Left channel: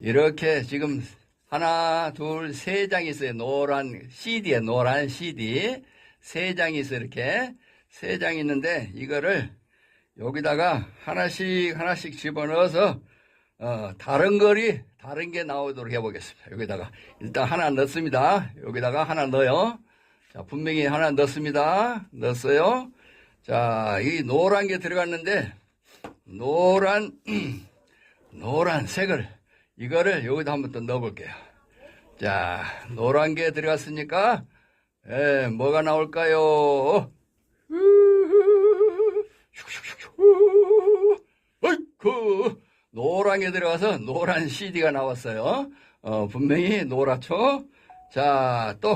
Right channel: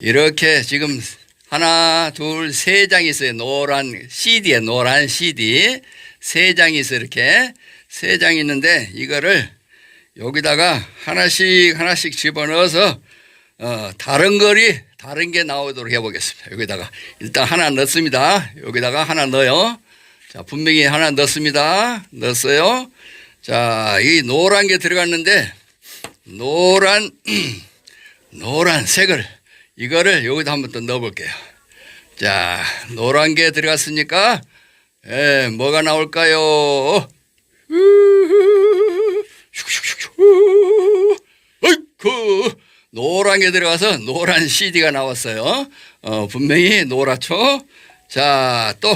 이렇게 지금 하나, 둘, 세 장이 있어요. 노란 CD에 노란 CD 세 장이 있어요. 이렇게 세 장이 있는데 이거를 여기다가 하나씩 하나씩 집어넣어서 어, 다른 거리 다른 게 나오도록 해보겠습니다. 여기다가 일단 하나 넣습니다. 여기다가 하나 넣어요. 자 분명히 하나 넣습니다. 넣었어요. 자 이 노란 게 들어갔는데 노란 노란 색을 이거를 여기다 한번 또 넣어볼게요. 자, 노란 게 들어갔으니까 에, 뭐가 나올까요? 어이쿠 노란 게 들어가서 노란 CD가 나왔어요. 어, 분명히 노랗죠. 자, 또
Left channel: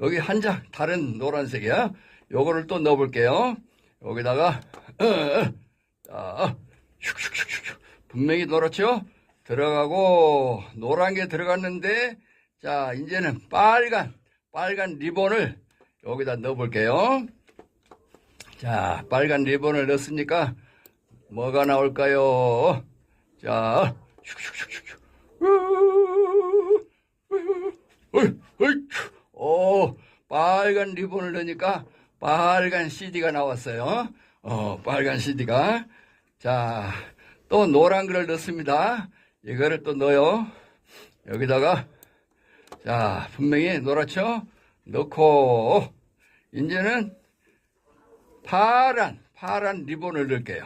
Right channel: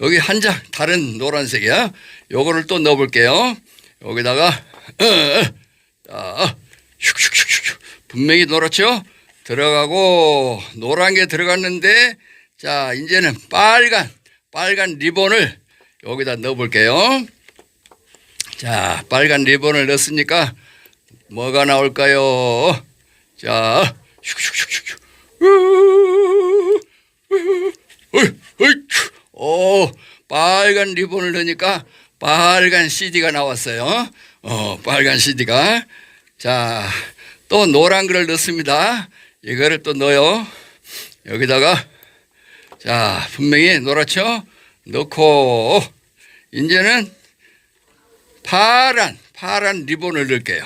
여기 한 장 다른 노란색이야. 요거를 또 넣어볼게요. 여기다가 어, 어, 자, 슉슉슉슉 분명히 노랗죠. 들어가고 노란 게 들어갔는데 자 이제는 빨간 빨간 리본을 여기다 넣어볼게요. 자 빨간 리본을 넣었으니까 뭐가 나올까요? 자 슉슉슉슉 오 빨간 리본을 넣으니까 빨간 CD가 나왔어요. 어 빨간 CD가 자 또 노란 거를 넣습니다. 이거를 또 넣어요. 여기다가 자 분명히 노랗죠. 넣고 이제는 파란 파란 리본을 넣을게요.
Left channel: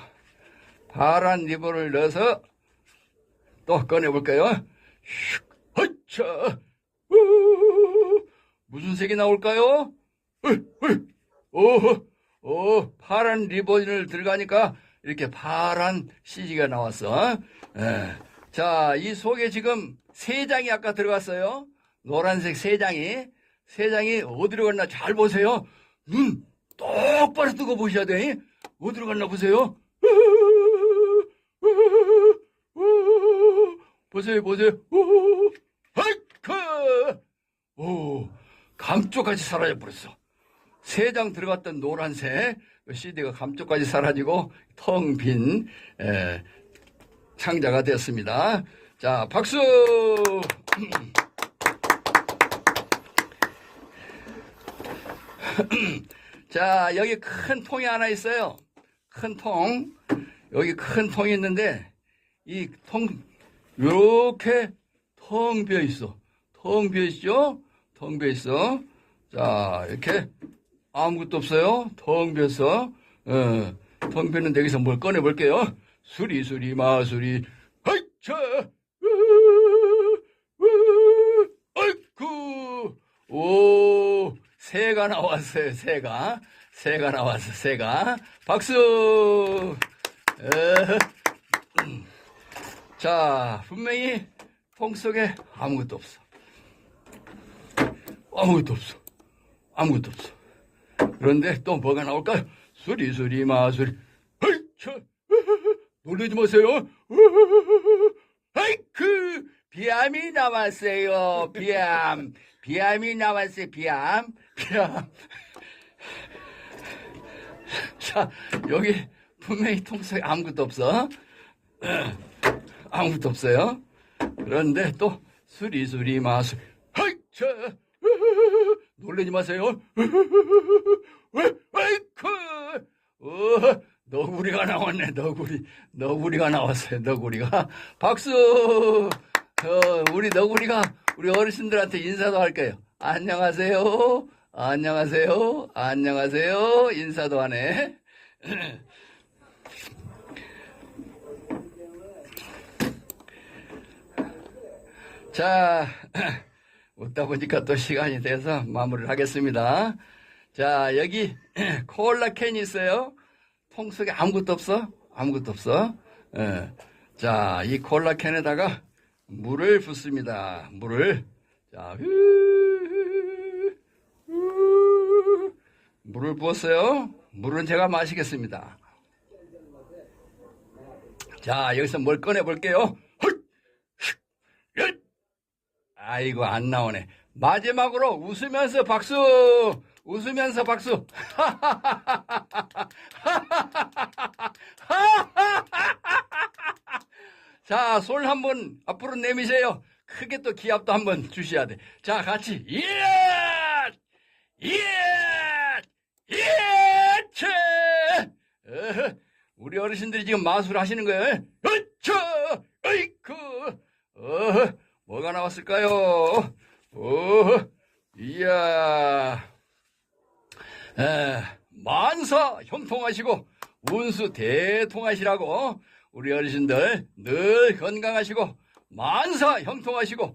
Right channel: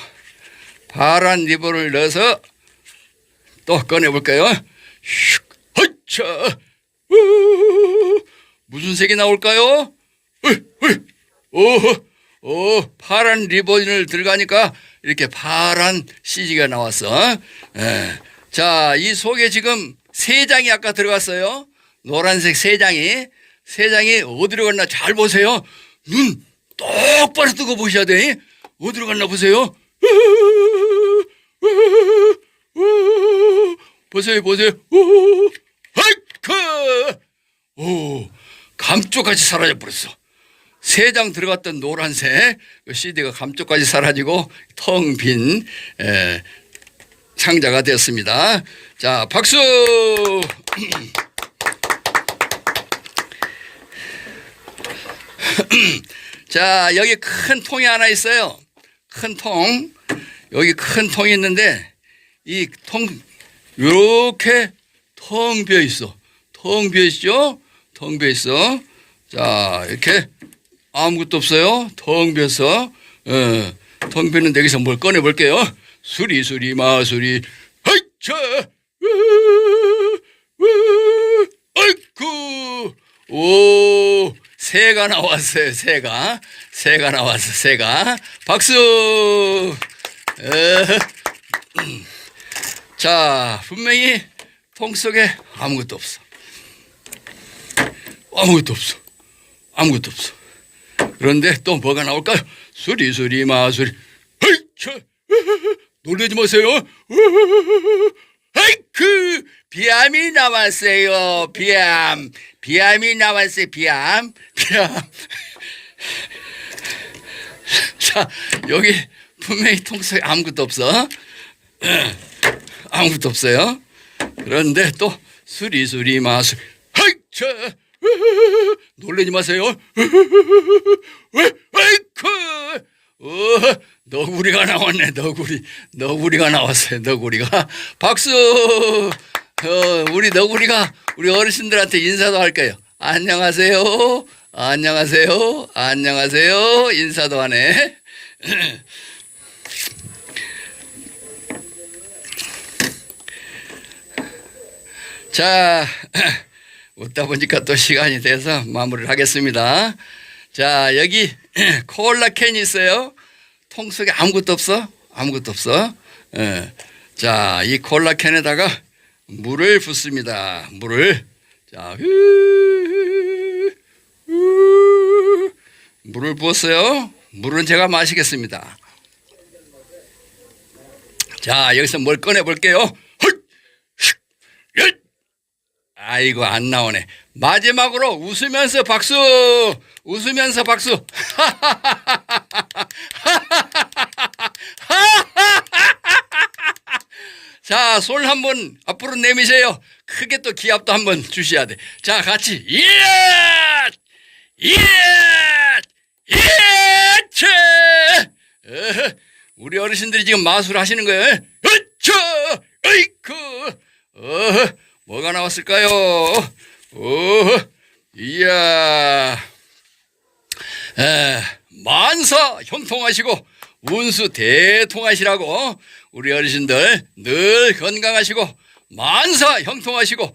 파란 리본을 넣어서 또 꺼내 볼까요? 슉, 허차, 우, 무슨 색이 나올까요? 오, 오, 파란 리본을 들어가니까 이렇게 파란 CG가 나왔어. 예. 자, 이 속에 지금 세 장이 아까 들어갔어요. 노란색 세 장이. 세 장이 어디로 갔나 잘 보세요. 눈 똑바로 뜨고 보셔야 돼. 어디로 갔나 보세요. 보세요, 보세요. 하이크! 오, 감쪽같이 사라져 버렸어. 세 장 들어갔던 노란색 그 CD가 감쪽까지 사라지고 텅 빈 상자가 되었습니다. 자, 박수! 자, 여기 큰 통이 하나 있어요. 큰 통. 여기 큰 통이 있는데 이 통 이렇게 텅 비어 있어. 텅 비어 있죠? 텅 비어 있어. 자, 이렇게 아무것도 없어요. 텅 비어서. 어, 텅 비었는데 여기서 뭘 꺼내 볼게요. 수리 수리 마수리. 하이차. 아이쿠. 오, 새가 나왔어요. 새가. 새가 나왔어. 새가. 박수. 어. 자, 분명히 통 속에 아무것도 없어. 아무것도 없어. 아무것도 없어. 그런데 또 뭐가 나올까요? 수리 수리 마수리. 놀라지 마세요. 헤이크 비암이 나왔어요. 비암. 비암이 나왔어요. 비암. 비암. 자, 여기 분명히 통 속에 아무것도 없어. 아무것도 없어요. 그런데 또 수리 수리 마수. 헤이차. 놀라지 마세요. 아이쿠, 어, 너구리가 나왔네. 너구리, 너구리가 나왔어요. 너구리가 박수. 어, 우리 너구리가 우리 어르신들한테 인사도 할 거예요. 안녕하세요. 안녕하세요. 안녕하세요. 인사도 하네. 자, 웃다 보니까 또 시간이 돼서 마무리를 하겠습니다. 자, 여기 콜라 캔이 있어요. 통 속에 아무것도 없어? 아무것도 없어. 예. 자, 이 콜라 캔에다가 물을 붓습니다. 물을. 자, 후, 후. 물을 부었어요. 물은 제가 마시겠습니다. 자, 여기서 뭘 꺼내 볼게요. 아이고 안 나오네. 마지막으로 웃으면서 박수. 웃으면서 박수. 자, 손 한번 앞으로 내미세요. 크게 또 기합도 한번 주셔야 돼. 자, 같이. 예! 예! 예! 우리 어르신들이 지금 마술 하시는 거예요. 으쌰! 어이쿠! 어허, 뭐가 나왔을까요? 어허, 이야. 에, 만사 형통하시고 운수 대통하시라고 우리 어르신들 늘 건강하시고 만사 형통하시고